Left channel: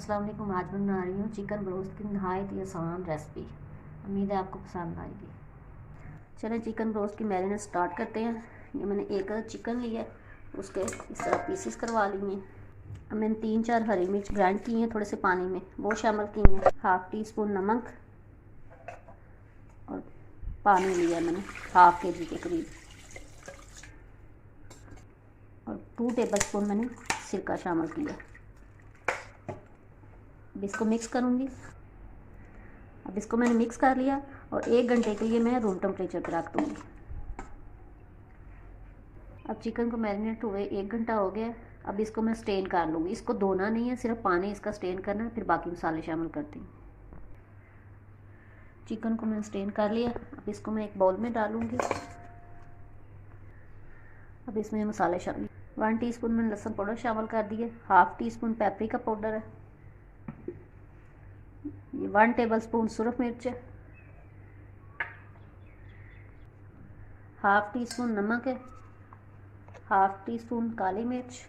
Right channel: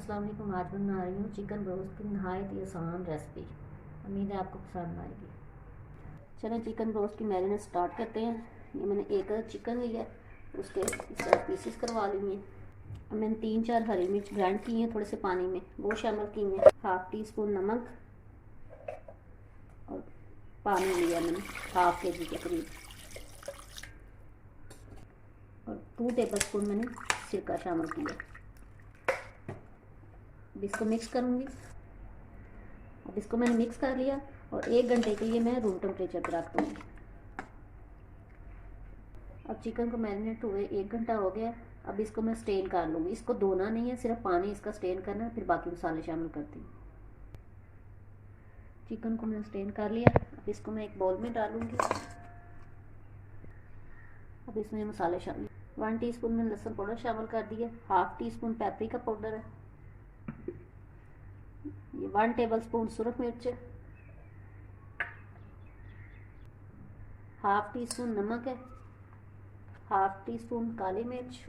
अस्सलाम वालेकुम। आज मैं बना रही हूँ चिकन रोस्ट की नहायत ही आसान रेसिपी। उम्मीद है आपको पसंद आएगी। चलें चिकन रोस्ट की मैरिनेट स्टार्ट करते हैं। ये मैंने एक चिकन लिया है, उसके इस तरह पीसेस करवा लिए हैं। अब मैंने 3-4 हरी मिर्च ग्राइंड की हैं थोड़े से पानी में, वो शामिल की हैं। 1/2 टीस्पून नमक और पानी लिया मैंने 1/2 kg के करीब, और 2 टेबलस्पून मैंने सिरका शामिल किया। अब इसको मिक्स करूँगी। अब इसको मैंने मिक्स कर लिया और 1 घंटे के लिए मैं रूम टेम्परेचर पर रख दूँगी। अब चिकन को मैरिनेट हुए 1 घंटा हो गया। अब इसको मैं स्टेन कर लूँगी। इसको धोना नहीं है, सिर्फ पानी इसका स्टेन करना है, फिर बाकी मसाले शामिल करती हूँ। चिकन को मैंने स्टेन कर लिया। अब इसको मैं एक बाउल में डालूँगी। अब इसमें मसाले शामिल 1 टीस्पून मैंने लहसुन पाउडर शामिल कर दिए, 1/2 टीस्पून पेपरिका पाउडर है, ये 1 टेबलस्पून सुरख मिर्च है, 1/2 टीस्पून नमक है, 1/2 टीस्पून काली मिर्च,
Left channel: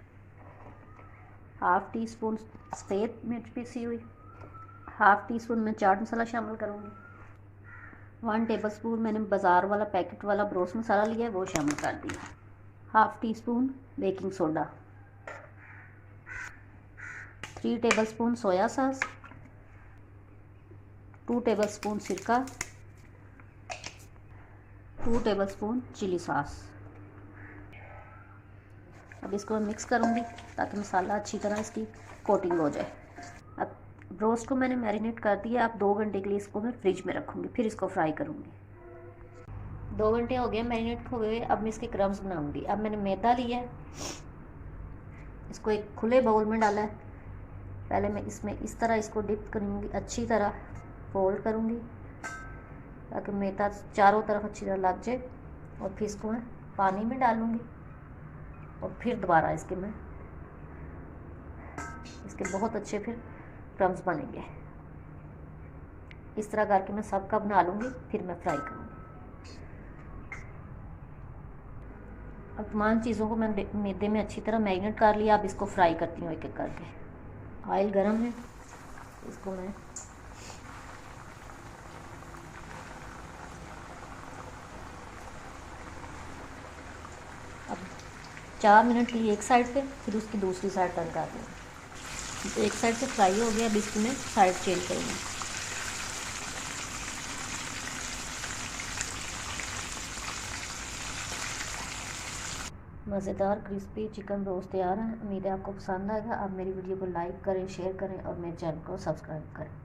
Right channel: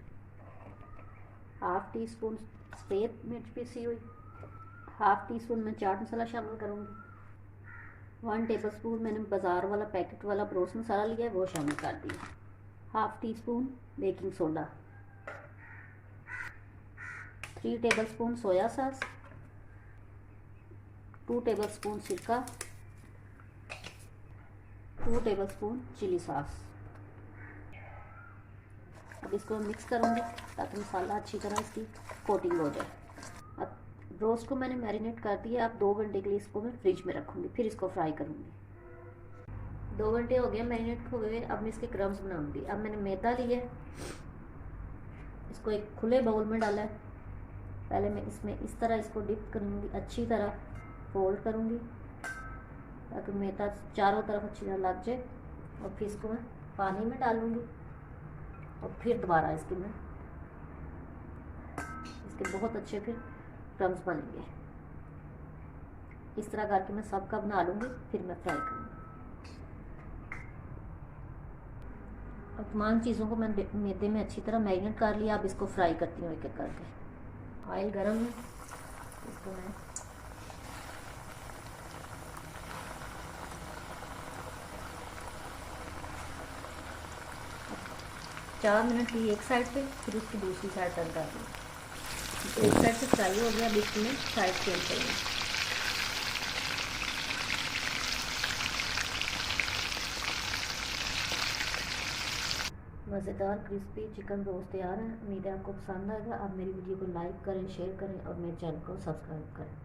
1/2 टीस्पून सफ़ेद मिर्च पीसी हुई, 1/2 टीस्पून मैं चाट मसाला शामिल करूँगी। 1 टेबलस्पून मैंने बाज़ार वाला पैकेट वाला ब्रोस मसाला लिया है, वो शामिल कर दिया। 1/2 teaspoon baking soda, 3 tablespoon soya sauce, 2 tablespoon सिरका, 2 टेबलस्पून चिली सॉस। अब इसको मैं मिक्स करूँगी ताकि मसाला अच्छी तरह इसकी कोटिंग हो जाए। अब रोस्ट को मैंने मैरिनेट कर दिया। अब 2 घंटे के लिए इसको मैं फ्रिज में रखूँगी, फिर इसको फ्राई करूँगी। 2 घंटे हो गए मैरिनेट हुए। अब मैं इसके क्रम्स बनाऊँगी। अब मैंने मैदा लिया है, इसको एक खुले बाउल में डाला है। पहले मैं इसमें इस तरह इसको डिप करूँगी, अच्छी तरह फोल्ड करूँगी ताकि मैदा चारों तरफ अच्छी तरह लग जाए, और फिर इसको मैं पानी में डालूँगी और फिर दोबारा इसके बहुत अच्छे फिर क्रम्स बनेंगे। इस तरह करके मैं सबका बना लूँगी, फिर मैं फ्राई करूँगी। अब तमाम चीज़ों को मैंने मैदे में अच्छी तरह मैरिनेट कर लिया। अब इसको फ्राई करती हूँ एक एक करके। ऑयल गरम है, इसको मैं 4 मिनट लिए एक साइड पे, फिर उसकी दूसरी साइड टर्न कर दूँ। तो एक साइड से फ्राई हो गया, अब इसमें साइड चेंज करेंगे। मज़ेदार क्रिस्पी चिकन रोस्ट तैयार है। उम्मीद है आपको पसंद आएगा। आप मेरी वीडियो को लाइक करें, शेयर करें और मेरे चैनल को सब्सक्राइब करें।